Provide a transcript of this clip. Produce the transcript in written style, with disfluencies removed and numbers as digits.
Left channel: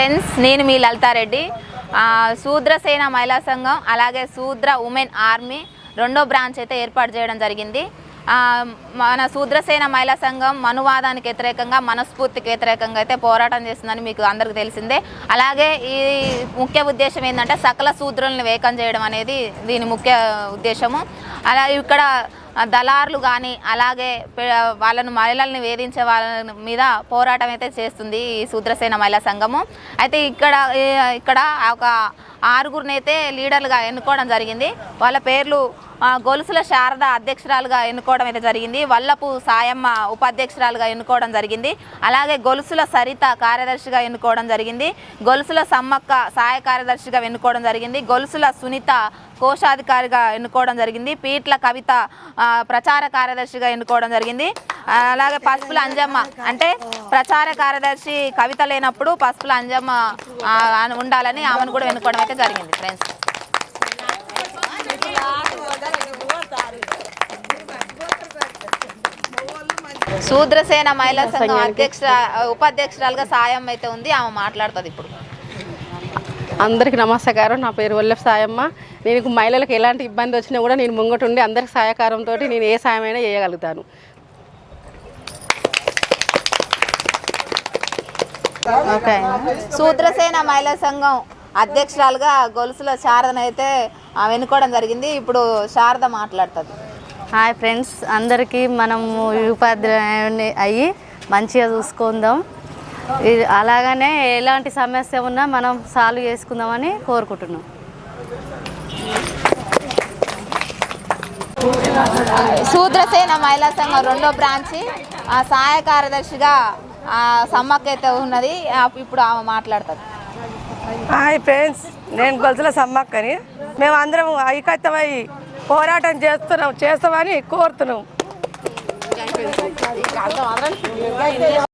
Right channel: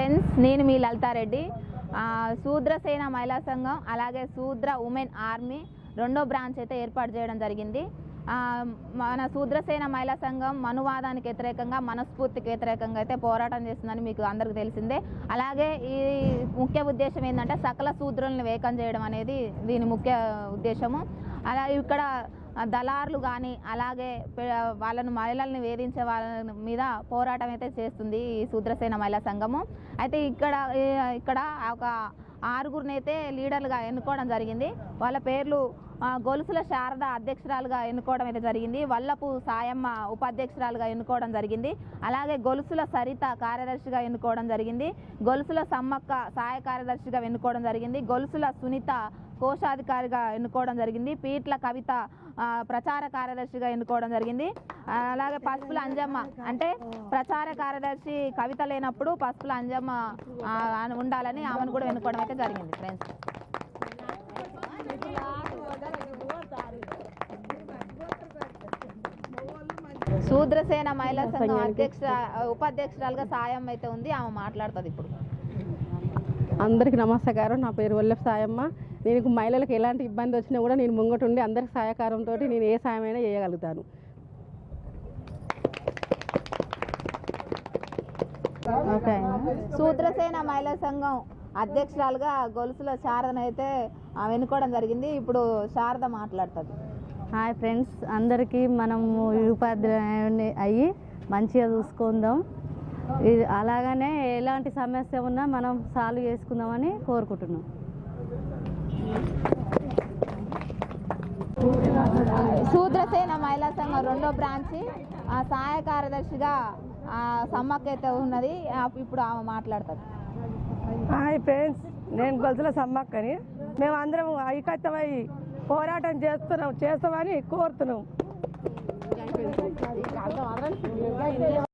Friends, నేను మీ లలితారెడ్డి. శూద్రసేన మహిళా సంఘం అలాగే శూద్ర ఉమెన్ ఆర్మీ రెండో బ్రాంచ్ అయితే ఏర్పాటు చేయడం జరిగింది. మన శూద్రసేన మహిళా సంఘం మనువాదానికి వ్యతిరేకంగా, మనస్ఫూర్తికి వ్యతిరేకంగా అయితే పోరాటం చేస్తుందని మీకు అందరికీ తెలిసిందే. అలాగే ఈ ముఖ్య ఉద్దేశం ఏంటంటే సకల శూద్రులను వేకం చేయడం అనేది దీని ముఖ్య ఉద్దేశము. అలాగే ఇక్కడ దళారులు కానీ అలాగే వాళ్ళను మహిళల్ని వేధించే వాళ్ళ మీద పోరాటం అయితే చేస్తుంది ఈ శూద్రసేన మహిళా సంఘము. అయితే ఇక్కడ ఒక 6గురిని అయితే లీడర్లుగా ఎన్నుకోవడం జరిగింది. వాళ్ళ పేర్లు గొలుసుల శారద అధ్యక్షురాలుగా ఎన్నుకోవడం అయితే జరిగింది. వల్లపు సాయమ్మ ఉపాధ్యక్షురాలుగా ఎన్నుకోవడం జరిగింది. అలాగే గొలుసుల సరిత కార్యదర్శిగా ఎన్నుకోవడం జరిగింది. గొలుసుల సమ్మక్క సహాయ కార్యదర్శిగా ఎన్నుకోవడం జరిగింది. గొలుసుల సునీత కోశాధికారిగా ఎన్నుకోవడం జరిగింది. పీట్ల కవిత ప్రచార కార్యదర్శిగా ఎన్నుకోవడం జరిగింది. అలాగే పసుపుల అంజమ్మ, అంటే ప్రచార కార్యదర్శి కవిత లేనప్పుడు పసుపుల అంజమ్మ ఉండాలని ఆమెను కూడా ఎన్నుకోవడం అయితే జరిగింది. ఫ్రెండ్స్, శూద్రసేన మహిళా సంఘం ఉపాధ్యక్షురాలుగా సాయం అయితే ఉంది. ఆమె మాట్లాడుతుంది ఇప్పుడు. అందరికీ నమస్కారం. నా పేరు వల్లెఫ్ సాయమ్మ. నేను మహిళలకు ఎలాంటి ఇబ్బంది వచ్చినా కూడా నేను ముంగటుండి అందరికి సహకారంతో నేను ఏ సాయమైనా చేయగలుగుతాను. ఓకే. శూద్రసేన మహిళా సంఘం అధ్యక్షురాలుగా గొలుసుల శారదను అయితే ఎన్నుకోవడం జరిగింది. ఇప్పుడు శారద మాట్లాడుతుంది. హాయ్ ఫ్రెండ్స్, అందరికీ మనము ఉపాధ్యాయుని అయ్యి మంచిగా చూసుకుందాం. అలాగనే ఎలాంటి సమస్య ఉన్నా మనం సాల్వ్ చేసుకుందామని కోరుకుంటున్నాం. శూద్రసేన మహిళా సంఘం రెండో బ్రాంచి సహాయ కార్యదర్శిగా సమ్మక్క అయితే ఉన్నది. ఇప్పుడు ఆమె మాట్లాడుతుంది. హాయ్ ఫ్రెండ్స్, నేను గొలుసుల సమ్మక్కని. మేము అందరం ఐకత్యమై పోరాటం చేస్తామని కోరుతున్నాం.